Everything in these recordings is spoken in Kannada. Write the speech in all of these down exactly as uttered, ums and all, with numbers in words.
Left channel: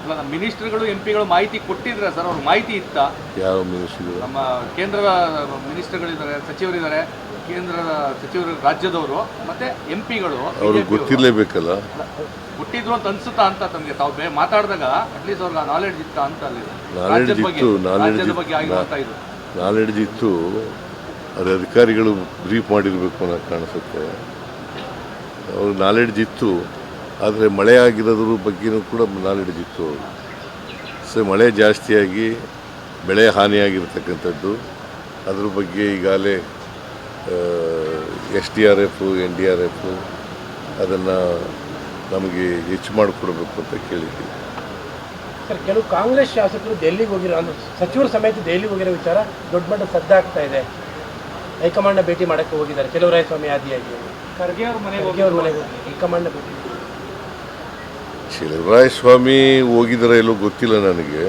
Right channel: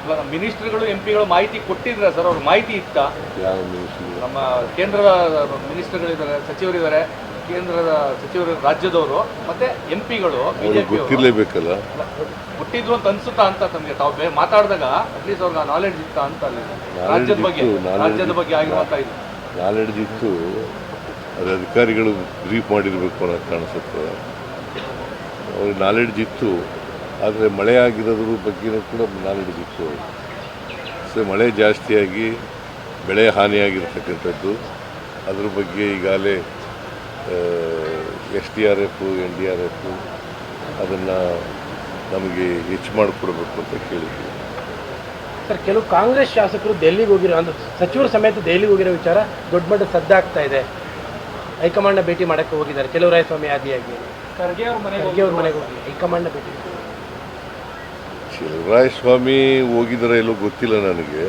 ಮಿನಿಸ್ಟರ್ಗಳು ಎಂ ಪಿಗಳು ಮಾಹಿತಿ ಕೊಟ್ಟಿದ್ರೆ ಸರ್, ಅವ್ರ ಮಾಹಿತಿ ಇತ್ತ? ಯಾವ ಮಿನಿಸ್ಟರ್? ನಮ್ಮ ಕೇಂದ್ರದ ಮಿನಿಸ್ಟರ್ಗಳಿದ್ದಾರೆ, ಸಚಿವರಿದ್ದಾರೆ, ಕೇಂದ್ರದ ಸಚಿವರು, ರಾಜ್ಯದವರು ಮತ್ತೆ ಎಂ ಪಿಗಳು ಅವ್ರಿಗೆ ಗೊತ್ತಿರಲೇಬೇಕಲ್ಲ. ಕೊಟ್ಟಿದ್ರು ಅಂತ ಅನ್ಸುತ್ತಾ ಅಂತ ತಮಗೆ ತಾವು ಬೇ ಮಾತಾಡಿದಾಗ ಅಟ್ಲೀಸ್ಟ್ ಅವ್ರಿಗೆ ನಾಲೆಡ್ಜ್ ಇತ್ತ ಅಂತ? ನಾಲೆಡ್ಜ್ ಇತ್ತು, ರಾಜ್ಯದ ಬಗ್ಗೆ ಆಗಿರುವಂತ ಇದು ನಾಲೆಡ್ಜ್ ಇತ್ತು. ಅದು ಅಧಿಕಾರಿಗಳು ಬ್ರೀಫ್ ಮಾಡಿರಬೇಕು ಅನ್ನೋದು ಕಾಣಿಸುತ್ತೆ. ಅವ್ರಿಗೆ ನಾಲೆಡ್ಜ್ ಇತ್ತು, ಆದರೆ ಮಳೆ ಆಗಿರೋದ್ರ ಬಗ್ಗೆನೂ ಕೂಡ ನಾಲೆಡ್ಜ್ ಇತ್ತು. ಸೊ ಮಳೆ ಜಾಸ್ತಿಯಾಗಿ ಬೆಳೆ ಹಾನಿಯಾಗಿರ್ತಕ್ಕಂಥದ್ದು, ಅದ್ರ ಬಗ್ಗೆ ಈಗಾಗಲೇ S D R F N D R F ಅದನ್ನು ನಮಗೆ ಹೆಚ್ಚು ಮಾಡಿಕೊಡ್ಬೇಕು ಅಂತ ಕೇಳಿದ್ವಿ. ಸರ್, ಕೆಲವು ಕಾಂಗ್ರೆಸ್ ಶಾಸಕರು ದೆಹಲಿಗೆ ಹೋಗಿರೋ ಅಂದ್ರೆ ಸಚಿವರು ಸಮೇತ ದೆಹಲಿಗೆ ಹೋಗಿರೋ ವಿಚಾರ ದೊಡ್ಡ ಮಟ್ಟ ಸದ್ದಾಗ್ತಾ ಇದೆ. ಹೈಕಮಾಂಡ್ನ ಭೇಟಿ ಮಾಡೋಕ್ಕೆ ಹೋಗಿದ್ದಾರೆ ಚೆಲುವರಾಯಸ್ವಾಮಿ ಆದಿಯಾಗಿ. ಖರ್ಗೆ ಅವ್ರ ಮನೆಗೆ ಅವ್ರ ಮನೆಗೆ ಹೋಗಿ ಹೈಕಮಾಂಡ್ನ ಭೇಟಿ. ಚೆಲುವರಾಯಸ್ವಾಮಿ ಹೋಗಿದ್ದಾರೆ ಎಲ್ಲೋ ಗೊತ್ತಿಲ್ಲ ನನಗೆ,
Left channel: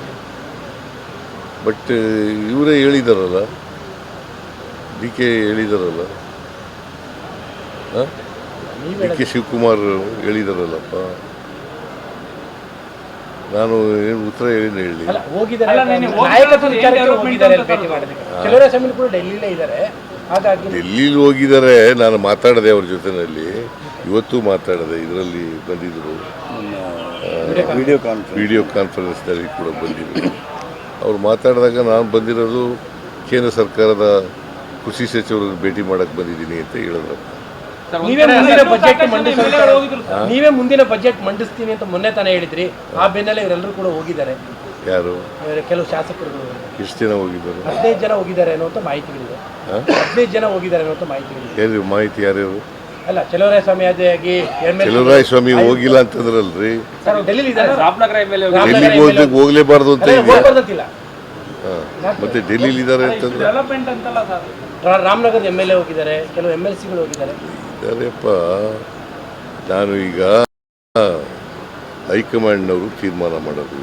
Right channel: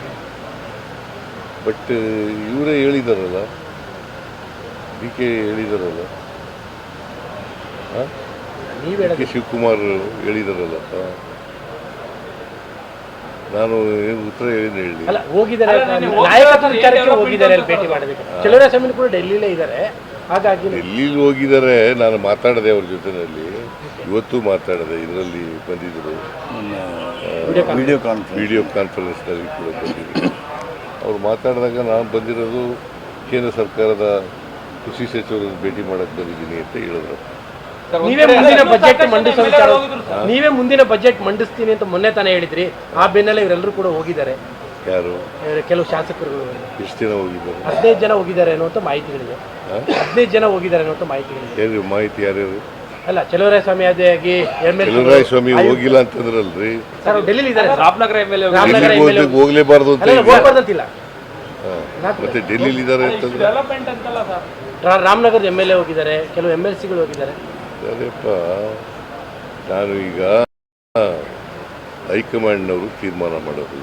ಬಟ್ ಇವರೇ ಹೇಳಿದಾರಲ್ಲ, ಡಿ ಕೆ ಹೇಳಿದಾರಲ್ಲ, ಡಿ ಕೆ ಶಿವಕುಮಾರ್ ಹೇಳಿದಾರಲ್ಲಪ್ಪ. ನಾನು ಏನು ಉತ್ತರ ಹೇಳಿದ್ರೆ ಹೇಳಿ. ಚೆಲುವರಾಯಸ್ವಾಮಿ ಕೂಡ ಡೆಲ್ಲಿಲೇ ಇದ್ದಾರೆ, ಹಾಗಾಗಿ ಡೆಲ್ಲಿಲಿ ಹೋಗಿದ್ದಾರೆ. ನಾನು ಮಾತಾಡಿದೆ ಅವ್ರ ಜೊತೆಯಲ್ಲಿ, ಇವತ್ತು ಮಾತಾಡಿದೆ, ಇದರಲ್ಲಿ ಬಂದಿದ್ದರು, ವಿಡಿಯೋ ಕಾನ್ಫರೆನ್ಸ್ ವಿಡಿಯೋ ಕಾನ್ಫರೆನ್ಸ್ನಲ್ಲಿ ಕೂಡ ಬಂದಿದ್ದರು. ಅವ್ರು ಮಾತಾಡಿದಾಗ ನಾನು ಬಂದಿರೋದು ಕೇಂದ್ರ ಸರ್ಕಾರದ ಕೃಷಿ ಸಚಿವರನ್ನು ಭೇಟಿ ಮಾಡಕ್ಕೆ ಬಂದಿದ್ದೀನಿ ಅಂತ ಹೇಳಿದ್ರು. ನೀವೇ ಮುಂದಿನ ಬಜೆಟ್ ಮಂಡಿಸ ನೀವೇ ಮುಂದಿನ ಬಜೆಟ್ ಮಂಡಿಸ್ತೀನಿ ಅಂತ ಮೊನ್ನೆ ತಾನೇ ಹೇಳಿದ್ರಿ. ಆ ಬೆನ್ನಲ್ಲೇ ಇವರೆಲ್ಲರೂ ಕೂಡ ಹೋಗಿದ್ದಾರೆ. ಯಾರು? ಕೆಲವು ಶಾಸಕರು. ಎಷ್ಟು ಜನ ಹೋಗಿದ್ದಾರೆ? ಹದಿನೈದು ಜನ ಹೋಗಿದ್ದಾರೆ ಅನ್ನುವಂಥ ಮಾಹಿತಿಗಳಿದೆ. ಹದಿನೈದು ಜನ ಹೋಗಿದ್ದಾರೆ ಅನ್ನುವಂಥ ಮಾಹಿತಿಗಳಿದೆ. ಏನು ಮಾಹಿತಿ? ಯಾರ್ಯಾರು? ಅಲ್ಲ, ಚೆಲುವರಾಯಸ್ವಾಮಿ ಆದಿಯಾಗಿ ಚೆಲುವರಾಯಸ್ವಾಮಿ ಹೋಗಿಲ್ಲ ಅಂತಂದ್ರಲ್ರಿ. ಡೆಲ್ಲಿ ಇದ್ದಾರೆ. ಡೆಲ್ಲಿಗೆ ಹೋಗ್ಲೇಬಾರ್ದು ಅಂತ ಹೋಗ್ಬಾರ್ದಂತಿಲ್ಲ. ಮತ್ತೆ ಡೆಲ್ಲಿಲಿ ಇದ್ದಾರೆ ಅಂತಂದ್ರೆ ರಾಮನಗರದ ಎಮ್ ಎಲ್ ಎ ಹೋಗಿದ್ದಾರೆ, ಕೆಲವು ಎಮ್ ಎಲ್ ಸಿಗಳು ಹೋಗಿದ್ದಾರೆ. ಅದೇಪ್ಪ, ನಾನು ಈಗ ಹೈಕಮಾಂಡ್ನವರು ತೀರ್ಮಾನ ಮಾಡೋದು,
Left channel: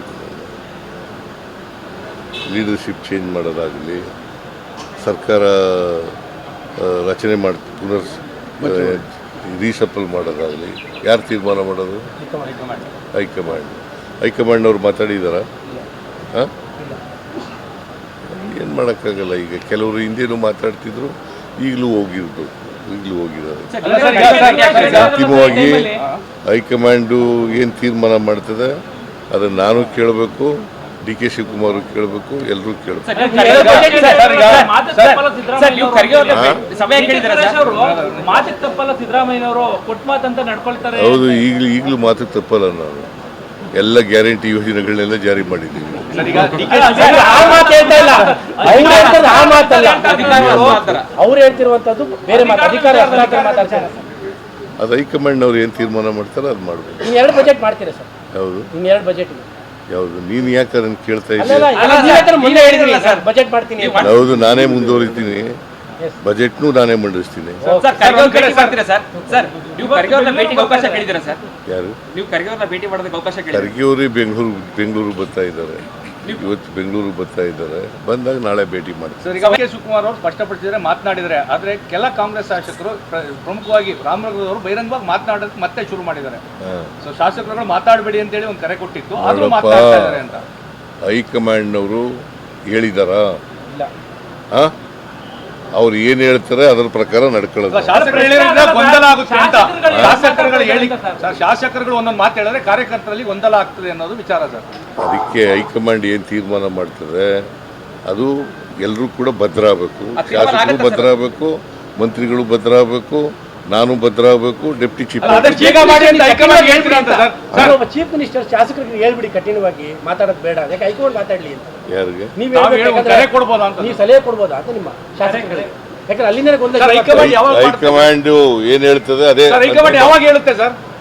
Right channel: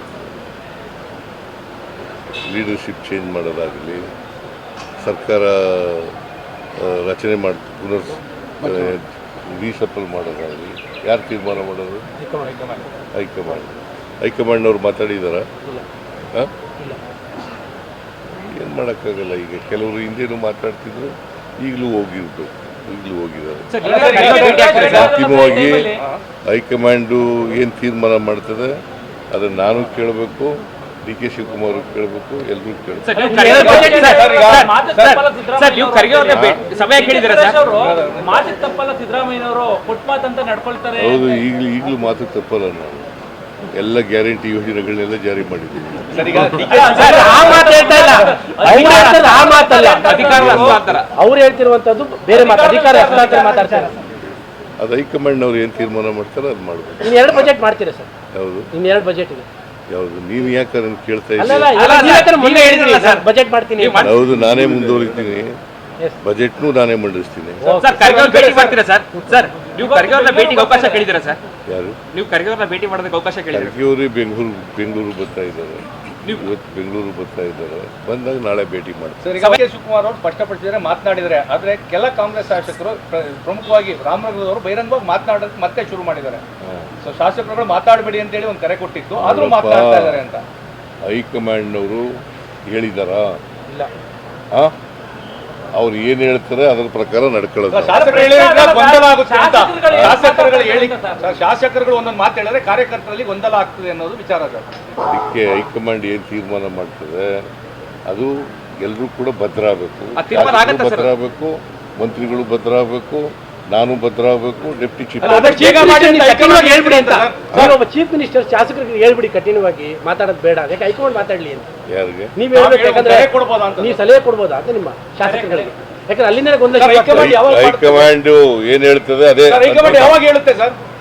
ಲೀಡರ್ಶಿಪ್ ಚೇಂಜ್ ಮಾಡೋದಾಗಲಿ, ಸರ್ಕಾರ ರಚನೆ ಮಾಡಿ ಪುನರ್ ರೀಸಫಲ್ ಮಾಡೋದಾಗಲಿ ಯಾರು ತೀರ್ಮಾನ ಮಾಡೋದು? ಹೈಕಮಾಂಡ್. ಹೈಕಮಾಂಡ್ನವ್ರು ಮಾತಾಡಿದಾರ? ಹಾಂ, ಏನು ಮಾಡೋಕ್ಕಾಗಲ್ಲ. ಈಗ ಕೆಲವರು ಹಿಂದೇನು ಮಾತಾಡ್ತಿದ್ರು, ಈಗಲೂ ಹೋಗಿರ್ಬೇಕು, ಈಗಲೂ ಹೋಗಿದ್ದಾರೆ. ಅಂತಿಮವಾಗಿ ಹೈಕಮಾಂಡು ಏನು ತೀರ್ಮಾನ ಮಾಡ್ತದೆ ಅದನ್ನು ನಾನು ಕೇಳಬೇಕು, ಡಿ ಕೆ ಶಿವಕುಮಾರ್ ಕೇಳಬೇಕು, ಎಲ್ಲರೂ ಕೇಳಬೇಕು. ಹೌದು, ಈಗಲೂ ಈಗಲೂ ಮಾತು ತಪ್ಪಲ್ಲ. ನಾನು ಎಲ್ಲ ಗ್ಯಾರಂಟಿ ಯೋಜನೆಗಳನ್ನೆಲ್ಲ ಜಾರಿ ಮಾಡಿದ್ದೀವಿ. ಅವ್ರು ಹೇಳ್ತಿರುವಂತದ್ದು ಬೇರೆ ಅಧಿಕಾರ ಮಾತಾಡ್ತಾರೆ. ಅದು ಹೈಕಮಾಂಡ್ನವ್ರು ಏನು ತೀರ್ಮಾನ ಮಾಡ್ತಾರೆ ಅದು ಮಾಡಬೇಕು. ಇನ್ನು ಎರಡು ಬಜೆಟ್ ಮಾಡ್ತೀರಾ ಸರ್? ಹೌದು, ಇನ್ನು ಎರಡು ಬಜೆಟ್ ಇದೆ. ಯಾವುದು? ನೀನು ಯಾಕೆ ಅದನ್ನು ಕೇಳ್ತಾ ಇದ್ದೀವಿ? ಬಜೆಟ್ ಮಾಡ್ತೀನಿ. ಹೌದು, ನಾನೇ ಮುಂದುವರಿತೀನಿ, ಬಜೆಟ್ನು ನಾನೇ ಮಂಡಿಸ್ತೀನಿ. ಯಾರು? ಖರ್ಗೆ ಅವರೇ ಬೆಂಗಳೂರು ಬೆಂಗಳೂರು ಬರ್ತಾ ಇದ್ದಾರೆ, ಇವತ್ತು ಬೆಂಗಳೂರು ಬರ್ತಾ ಇದ್ದಾರೆ. ಬಂದಾಗ ನಾಳೆ ಭೇಟಿ ಮಾಡ್ತಾರೆ. ಡಿ ಕೆ ಶಿವಕುಮಾರ್ ಅವರು ಸ್ಪಷ್ಟಪಡಿಸಿದರೆ ಮಾತನಾಡಿದರೆ, ಆದರೆ ಕೆಲ ಕಾಂಗ್ರೆಸ್ ಶಾಸಕರು ಪ್ರಮುಖವಾಗಿ ರಾಮನಗರದವರು ಬಹಿರಂಗವಾಗಿ ಮಾತನಾಡೋಕೆ ಮತ್ತೆ ಶುರು ಮಾಡಿದ್ದಾರೆ. ಸೊ ಶಾಸಕರುಗಳು ಮಾತಾಡಬೇಡಿ ಅಂತೇಳಿ ಒಂದು ಕರೆ ಕೊಟ್ಟಿತ್ತು, ಆದರೂ ಮಾತನಾಡ್ತಾ ಇದ್ದಾರೆ ಅಂತ ಹೈಕಮಾಂಡ್ನವರು ಹೇಳಿದಾರಾ? ಹಾಂ, ಅವ್ರು ಏನು ಹೇಳ್ತಾರೆ ಅದರ ಪ್ರಕಾರ ನಡ್ಕೊಳ್ಳೋದು. ಗೊಂದಲ ಆಗುತ್ತೆ ಅಂತ ಶಾಸಕರುಗಳು ಹೇಳಿ, ಶಾಸಕರುಗಳು ಒಂದೊಂದು ಮಾತು ಹೇಳಿದ್ರೆ ಕಾರ್ಯಕರ್ತರಲ್ಲಿ ಗೊಂದಲ ಆಗ್ತದೆ ಅನ್ನೋದು ವಿಚಾರ ಸರ್. ಅದಕ್ಕೆ ಹೈಕಮಾಂಡ್ ಏನು ತೀರ್ಮಾನ ಮಾಡ್ತದೆ ಅದು ಎಲ್ಲರೂ ಕೂಡ ಭದ್ರ ಆಗಬೇಕು. ಶಾಸಕರು ಭದ್ರ ಆಗಬೇಕು, ಮಂತ್ರಿಗಳು ಭದ್ರ ಆಗಬೇಕು, ನಾನು ಭದ್ರ ಆಗಬೇಕು, ಡೆಪ್ಟಿ ಚೀಫ್ ಚೀಫ್ ಮಿನಿಸ್ಟರ್ ಶಾಸಕರಿಗೆ ಹೇಳ್ಬಿಡಿ ಕಠಿಣವಾಗಿ ಮಾತಾಡೋದು ಬೇಡ, ಯಾಕೆ ಹೈಕಮಾಂಡ್ ಮಾತಾಡ್ಲಿ ಅಂತ. ಯಾರಿಗೆ ನೀವು ಸಲಹೆ ಕೊಡ್ಬೋದಾ ಅಂತ ನಿಮ್ಮ ಶಾಸಕರಿಗೆ? ಯಾಕಂದ್ರೆ ಅಲ್ಲಿಂದ ಹೈಕಮಾಂಡ್ ಏನ್ ಹೇಳ್ತದೆ ಅದೇ ಹೈಕಮಾಂಡ್ ಯಾವಾಗ ಹೇಳುತ್ತೆ ಸರ್?